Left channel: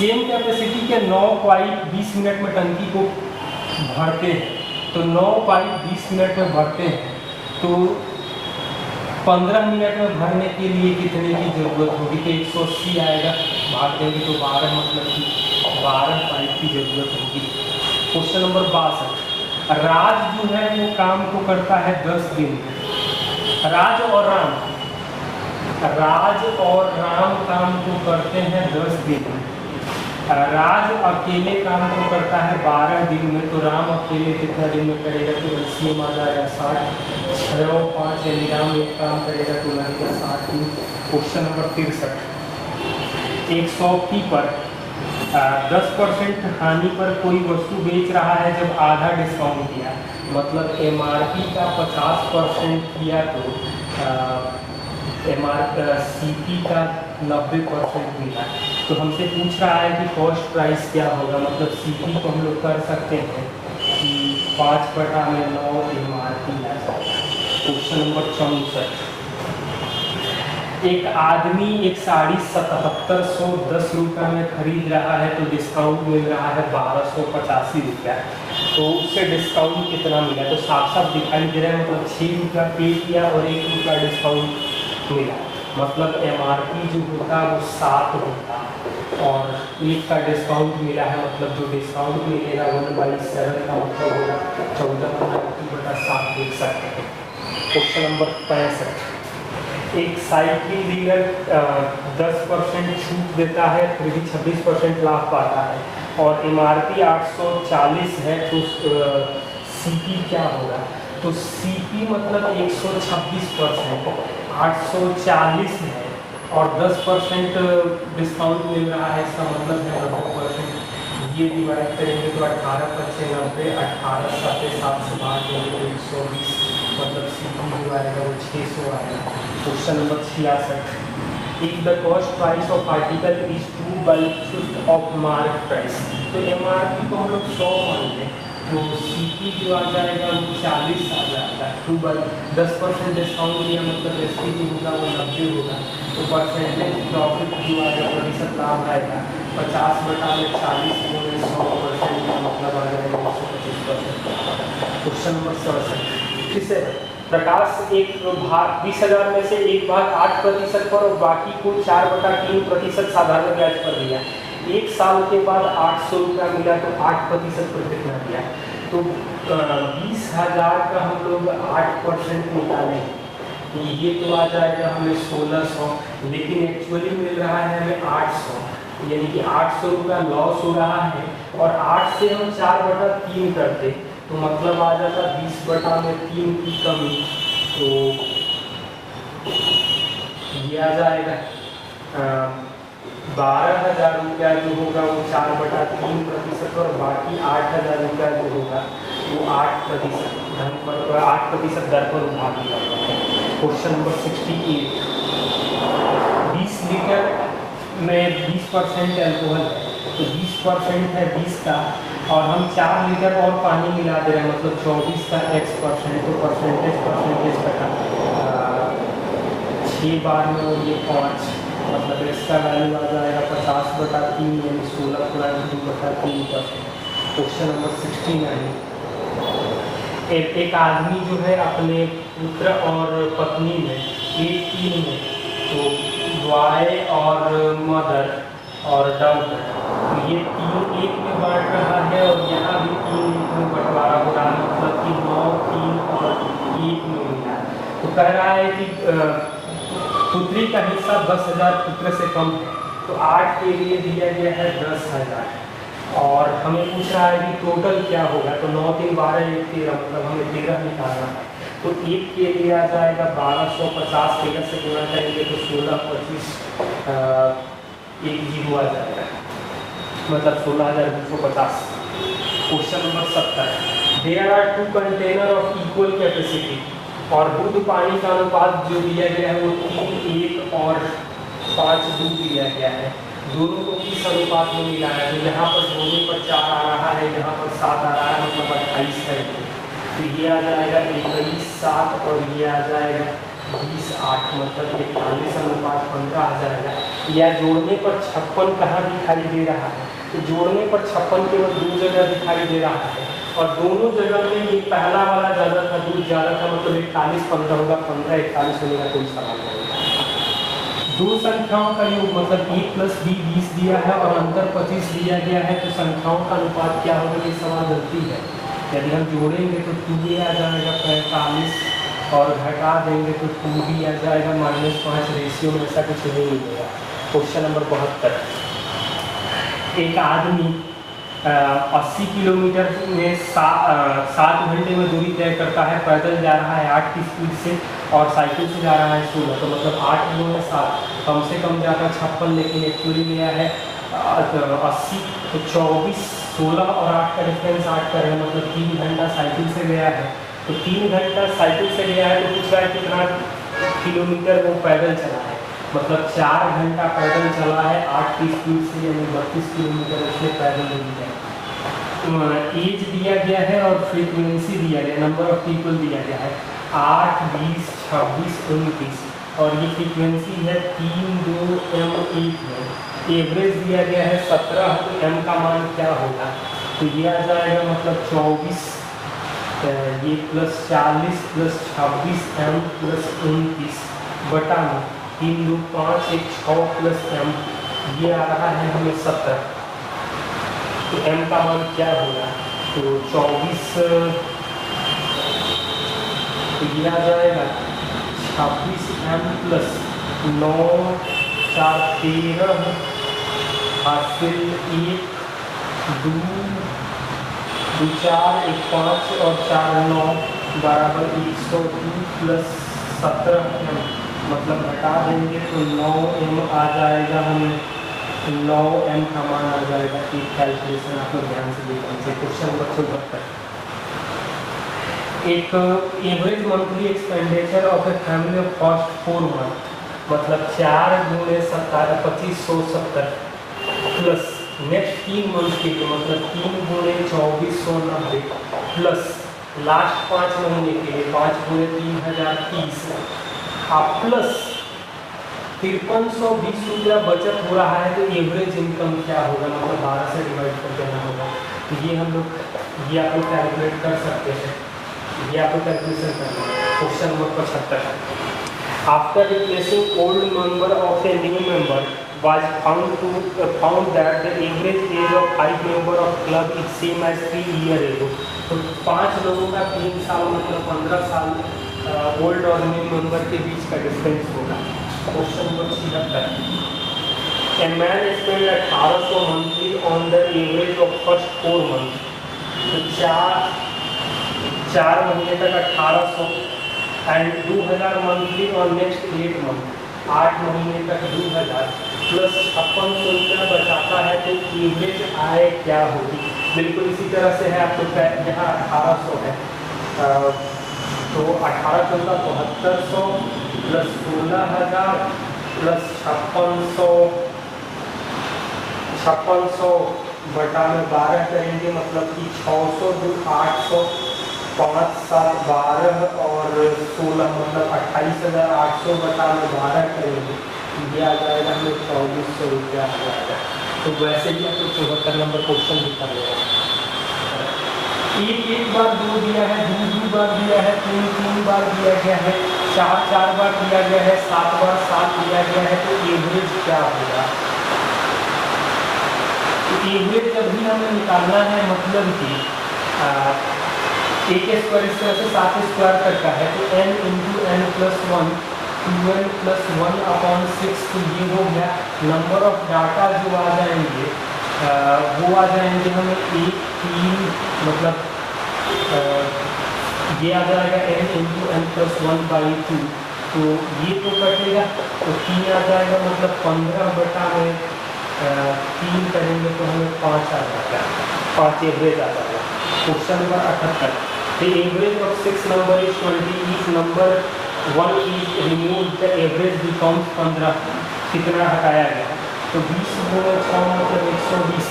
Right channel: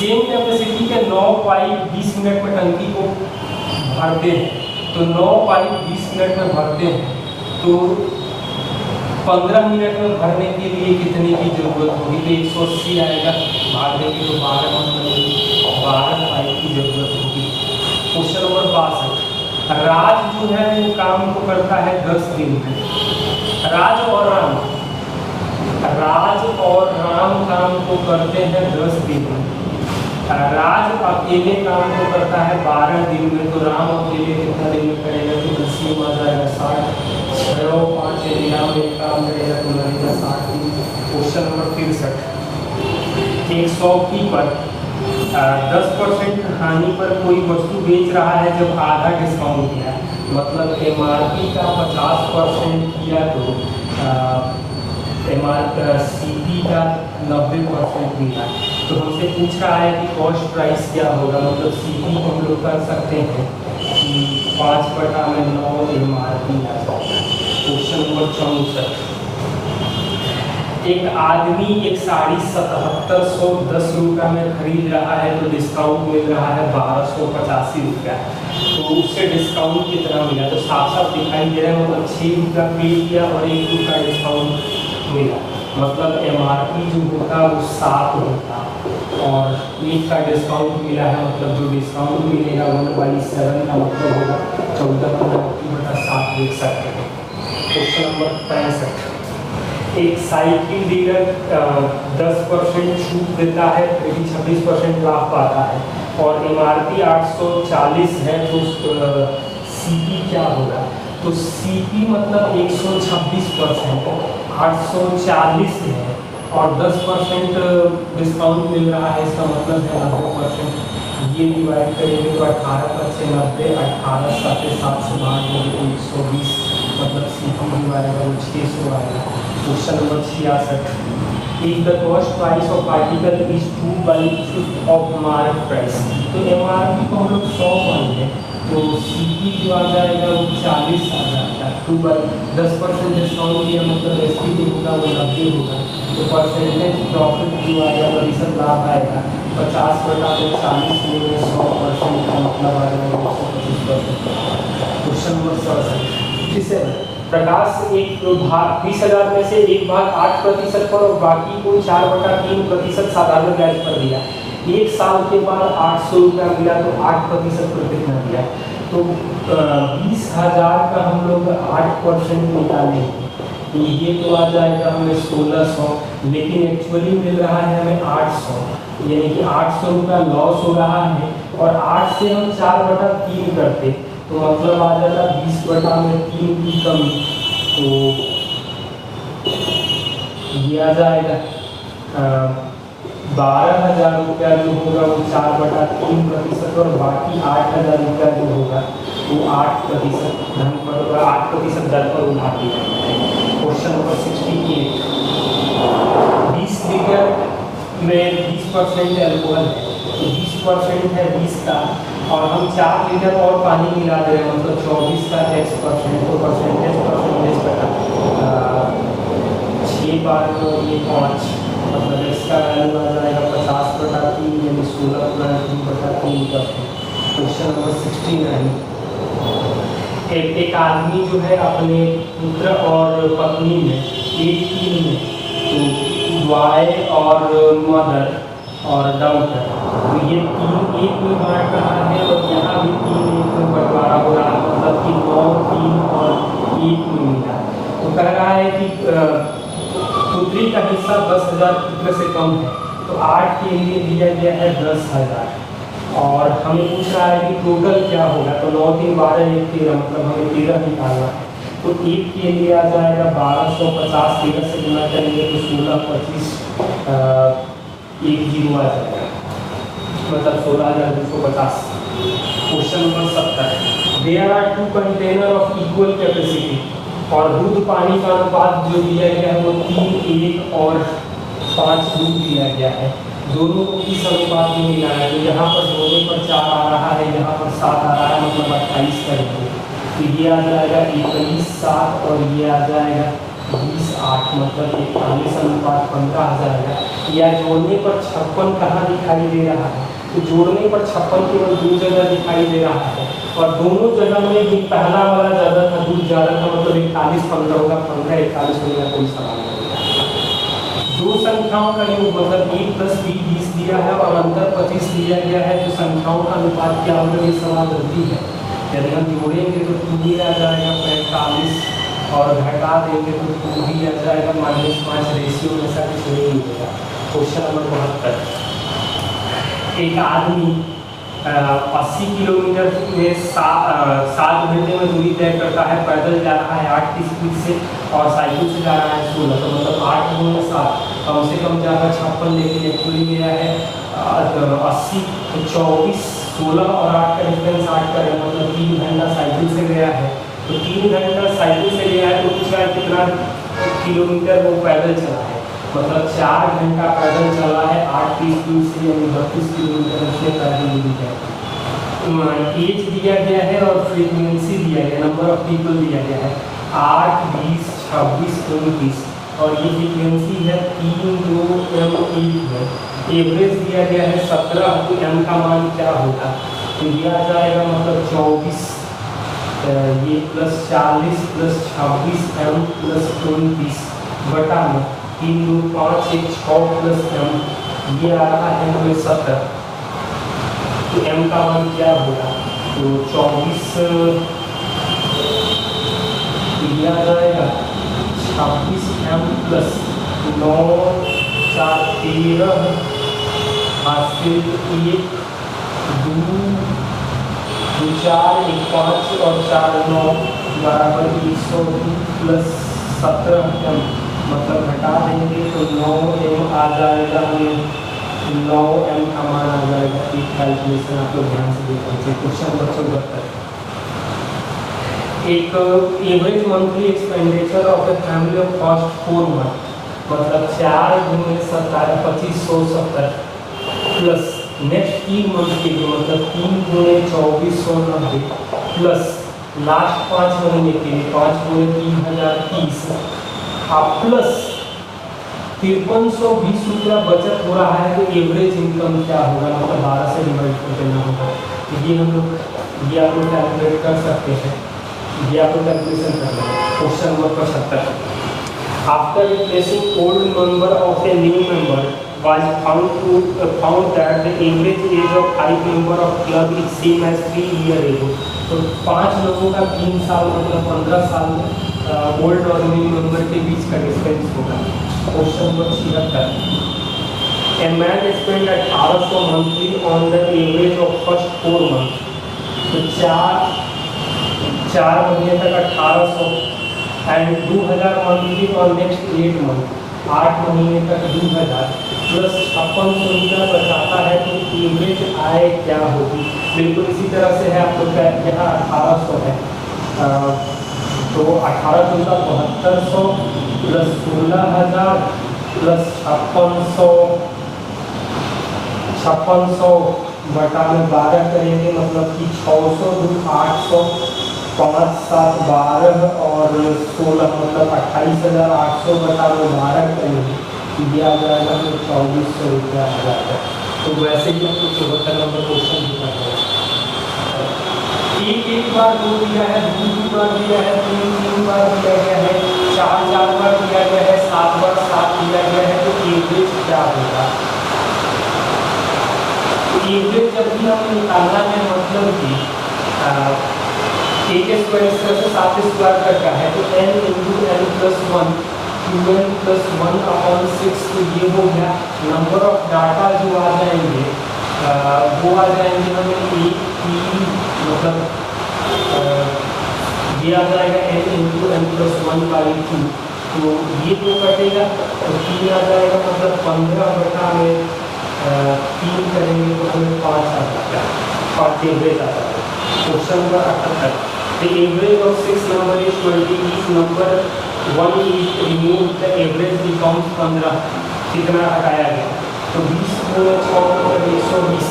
Same capacity के 9 pipe 20 minute में टंकी को भरते हैं, तो 9 पाइप 20 मिनट में भरते हैं, तो 15 मिनट में भरने के लिए कितने की ज़रूरत होगी? तो 180 आएगा, भाग देंगे तो 12 मतलब कि 12 पाइप की ज़रूरत होगी। क्वेश्चन नंबर 62, राज जो है वो काम को करता है 10 दिन में। राज और राम काम को करते हैं 10 दिन में। राज अकेले काम को करता है 12 दिन में, तो राम अकेले कितना दिन में करेगा? तो 10 में आ जाएगा 60, 6 और 5 राम एक काम करेगा तो लगेगा 60 दिन। क्वेश्चन नंबर 63, एक शॉपकीपर 10% हानि पर कोई वस्तु बेच रहा है जब आधा डिस्काउंट किया, मतलब MRP का 50% किया तो CP का 90% मिला। तो हमसे पूछ रहा है कि कॉस्ट प्राइस क्या होगा, मतलब CP को हम लोग कर सकते हैं कि 5/9 MRP आ जाएगा। क्वेश्चन नंबर 64, एक आदमी एक साड़ी 7710 रुपये में खरीद रहा है, तो डिस्काउंट मिल रहा है 1285 रुपया, तो उससे डिस्काउंट कितना मिला? तो साफ साफ दिखाई दे रहा है, मतलब 6 रुपया पे किया और 1 रुपया डिस्काउंट मिला, मतलब MRP जो होता है वो 7 होता और 1 का डिस्काउंट मिला है, मतलब जो डिस्काउंट मिलेगा 1/7 का मतलब होगा 14/7 देख सकते हैं। क्वेश्चन नंबर 65, एक साइकिल डीलर 10% छूट देता है, फिर भी 26% लाभ पाता है और MRP 840 है, तो CP क्या होगा? तो CP मतलब 126%, 840 है और 10% डिस्काउंट मिल रहा है, इसका मतलब है 90%। ये डिवाइड करेंगे तो 18 से 90, 18 7 से भाग देंगे तो 120, मतलब CP जो आएगा वो 600 आएगा। Question number 66, if the cost price of article is 2/5 of mark price, तो MRP को हम लोग 100 मान लें, तो CP जो आ जाएगा वो 40 आ जाएगा। 10% डिस्काउंट दिया, मतलब SP जो होगा वो 90 होगा, तो परसेंटेज प्रॉफिट जो आएगा प्रतिशत लाभ आएगा 50/40 में 100% का मतलब आ जाएगा 125%। क्वेश्चन नंबर 67, किसे प्रकाश एक भाग 20,000 में से एक भाग 8% पर और बाकी को 4/3% साधारण ब्याज पर दिया, 1 साल के बाद 800 रुपया मिला, तो 8% पर कितना दिया? तो 20,000 का हम लोग 8% निकालेंगे, तो ये तो आ जाएगा हमें 1600, लेकिन एक्चुअली मिल रहा है हमें 800, यानी कि 800 रुपया लॉस हो रहा है और 8 से हम 4/3 करते तो मतलब आ जाता 20/3 की कमी, तो ये आ जाएगा 12,000 रुपया जो होगा वो 4/3% और बाकी 8,000 रुपया जो होगा वो 8% दर पर उठा दिया। क्वेश्चन नंबर 68, 20 लीटर में 20% एल्कोहल है, तो 20% है 20 का और हम 4 लीटर और पानी मिला दे रहे हैं, मतलब 24 का X%, तो परसेंटेज का 6 बार में ये 5, मतलब इसका वैल्यू आ जाएगा 50/3 यानी 16/3%। क्वेश्चन नंबर 69, एक आदमी जो है अपने पुत्र और पत्नी में एक टीम में, तो बॉय और मदर और डॉटर, तो ये 3 1 में बांट रहा है और यहाँ भी 3 1 में बंटवारा हो रहा है, मतलब कि 9 3 और 1 में मिला है। तो कह रहा है कि पुत्री का हिस्सा 10,000 पुत्र से कम है, तो 8 के लिए दिया गया है 10,000 और हमें पूछ रहा है कि टोटल क्या होगा, तो 9 3 12 1 13, मतलब हमें 13 निकालना है, तो 1 के लिए आ जाएगा 1250, 13 से गुना करेंगे तो 16 25 1 0 आ जाएगा, मतलब 16,250। Question number 70, there are 2 container of equal capacity और दूध पानी का अनुपात जो दिया गया है वो 3:1 और 5:2 दिया गया है, दोनों को किस अनुपात में मिला है? तो यहाँ पर धोने पर 4 आ रहा है, यहाँ पर 7 आ रहा है, मतलब 28 करेंगे, तो ये आ जाएगा 21:7 और ये आ जाएगा 20:8, मतलब 41:15 आ जाएगा। या जोड़ने पर 56 कहाँ दिखाई दे रहा है, तो जोड़ने पर 56 केवल 2 जगह दिखाई दे रहा है, और दोनों जगह में ये पहला वाला ज़्यादा था, दूध ज़्यादा था, मतलब 41 15 होगा, 15 41 होने का कोई सवाल नहीं है। दो संख्याओं का योग मतलब a + b 20 दिया है और अंतर 25 दिया गया है, तो संख्याओं का अनुपात क्या होगा, ये सवाल गलती है। यदि हम जोड़ेंगे तो 2 आ जाएगा 45, और घटा देंगे तो 2 ही आ जाएगा -5, रेशियो में ऐसा कुछ नहीं मिलेगा। क्वेश्चन नंबर 72, एक आदमी 80 किलोमीटर में 7 घंटे में दूरी तय करता है, पैदल जा रहा है 8 की स्पीड से और साइकिल से जा रहा है 16, तो मतलब 8 × 7 कम से कम जाकर 56, लेकिन एक्चुअली गया है 80, तो 24, 16 और 8 का डिफरेंस 8 का है, मतलब 3 घंटा साइकिल से गया है। तो 3 घंटा साइकिल से गया है, तो पूछ रहा है कितना किलोमीटर वो पैदल चला है, मतलब 4 घंटा पैदल चला है 8 की स्पीड से, यानी 32 किलोमीटर उसने पैदल नहीं किया। एज दिया गया है और फ्रीक्वेंसी दिया गया, नंबर ऑफ पीपल दिया गया है 8, 20, 26, 29, और ये फ्रीक्वेंसी है 3, 2, m 1 है। एवरेज दिया गया है 17, तो m का मान क्या होगा, तो ये आ जाएगा मतलब 24, ये +40 +26 m +29 बटा में 3, 2, 5, 1, 6 +m, ये आ रहा है हमें 70, तो m का मान क्या होगा, तो 24, तो ये आ जाएगा 26m + 9, 4, 13, हासिल 1, 2, 2, 4, 1, 5 और 4, 9 बराबर 102 + 17m, मतलब घटा देंगे तो 9m आ जाएगा, हमें 9m का मान आ जाएगा। एक कैलकुलेशन आप लोग ध्यान से देखिए। क्वेश्चन नंबर 74, एक average monthly expenditure of a family of first 4 month, मतलब 4 × 17 2570 प्लस नेक्स्ट 3 मंथ के लिए मतलब 3 × 2490 प्लस लास्ट 5 महीने के लिए 5 × 3030 प्लस 5320 रुपया बचत हो रहा है, तो एवरेज इनकम क्या होगा, मतलब 12 से डिवाइड कर देना होगा। तो ये हम लोग ये आप लोग कैलकुलेट कर सकते हैं, ये आप लोग कैलकुलेशन करना है। Question number 75, after replacing old member of a new member was found that the average age of 5 member of club is same as 3 years ago। तो 5 लोगों का 3 साल मतलब 15 साल ओल्ड और न्यू मेंबर के बीच का डिफरेंस होगा। Question number 76, a man spend 1800 monthly on the average of first 4 month, तो 4 महीने तक 1800 and 2000 monthly on next 8 month, 8 महीने तक 2000 प्लस 5600 रुपया बचाता है, तो एवरेज आय क्या होगी। बिल्कुल इसी तरह से है, आपको यहाँ 1800 है, तो 1800 का 7200 प्लस 16000 प्लस 5600 बटा में 12 करेंगे, मतलब कि 600 × 800 5, 7, 12 और 16 मतलब 28800 बटा में 12 करेंगे, ये आ जाएगा हमें 2400 रुपया आ जाएगा। तो वैसे भी आपको 74 नंबर क्वेश्चन भी करना है। एक बार 2 दिया है, 2 बार दिया है, 3 बार दिया गया है, 4 बार दिया गया है, 7 बार 7 दिया गया है, तो एवरेज क्या होगा। एवरेज जब भी हमें निकालना है, मतलब कि एक स्क्वायर इस तरह से 7 स्क्वायर तक का है, तो n × n + 1 2n + 1/6, तो ये हो गया। नंबर ऑफ डाटा जो आ जाएंगे वो आ जाएंगे हमें 1, 3 मतलब ये आ जाएगा n × n + 1/2, तो ये तो कटेगा, तो 3 आ जाएगा, मतलब 15 बटा में 3 करेंगे तो हमें 5 आ जाएगा, और एवरेज आ जाएगा। Question number 78, the average of 6 number is 20, each number 1 is removed, the average becomes 15, कितना हटाया गया, तो 20 × 6 मतलब 120,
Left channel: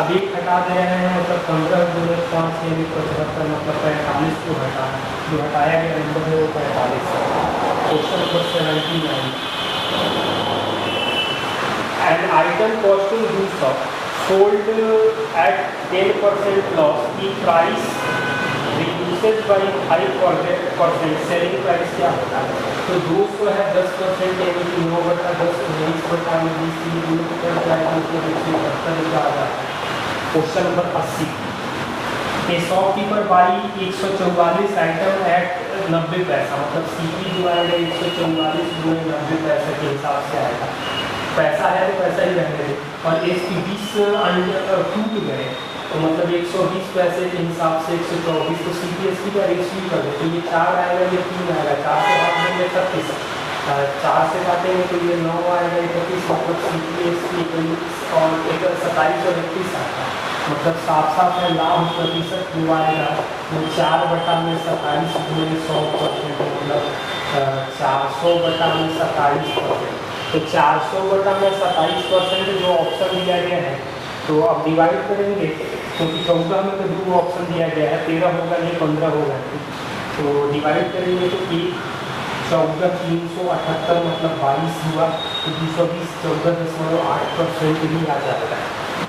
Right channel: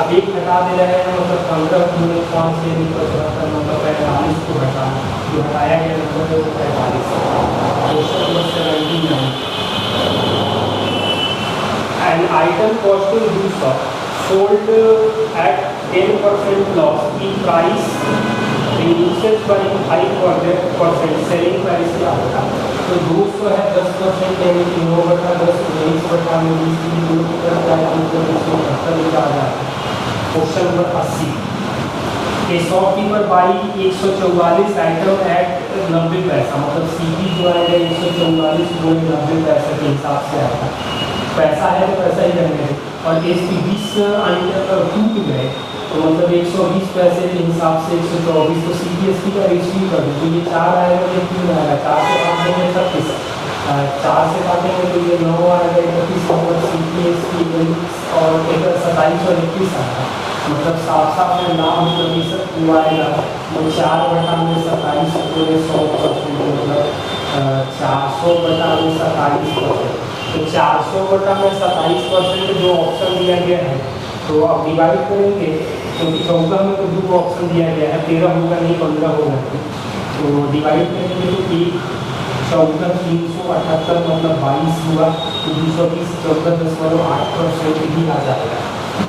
अब 1 हटा दे रहे हैं, मतलब 15 × 5 से 75 मतलब 45 को हटाना, जो हटाया गया नंबर है वो 45 है। Question number 79, and item costing 200 sold at 10% loss की प्राइस रिड्यूसेड बाई 5% सेलिंग प्राइस क्या होता है? तो 200 है 10% यानी कि 9/10 19/20 आ जाता है। Question number 80 a shopkeeper buy 144 items at 90 पैसा, मतलब सीपी जो आएगा 144 गुणे 90 पैसे के हिसाब से आएगा। पैसा है तो पैसा ही रहेंगे और इसकी 20 टूट गए तो मतलब 120 पैसे के हिसाब से 124 तो CPST का रेशियो कर दें तो ये 4 आएगा ये 3 आएगा, 4 से काट देंगे 36, 4 से काटेंगे तो ये 9 आएगा 31, मतलब CPST और 27 और 31 आएगा, मतलब साफ है लाभ प्रतिशत हुआ आएगा वो 4/27 पूरे 100%, मतलब 400/27%। तो 400/27% जो ऑप्शन दिया गया है तो अब डिवाइड करेंगे क्योंकि 14 में तो 2 ऑप्शन दिया गया है, 13 होगा नहीं 15 होगा, तो डिवाइड करेंगे तो 1 14 378 मतलब 22 हुआ तो 220 14.8% ही आ जाएगा।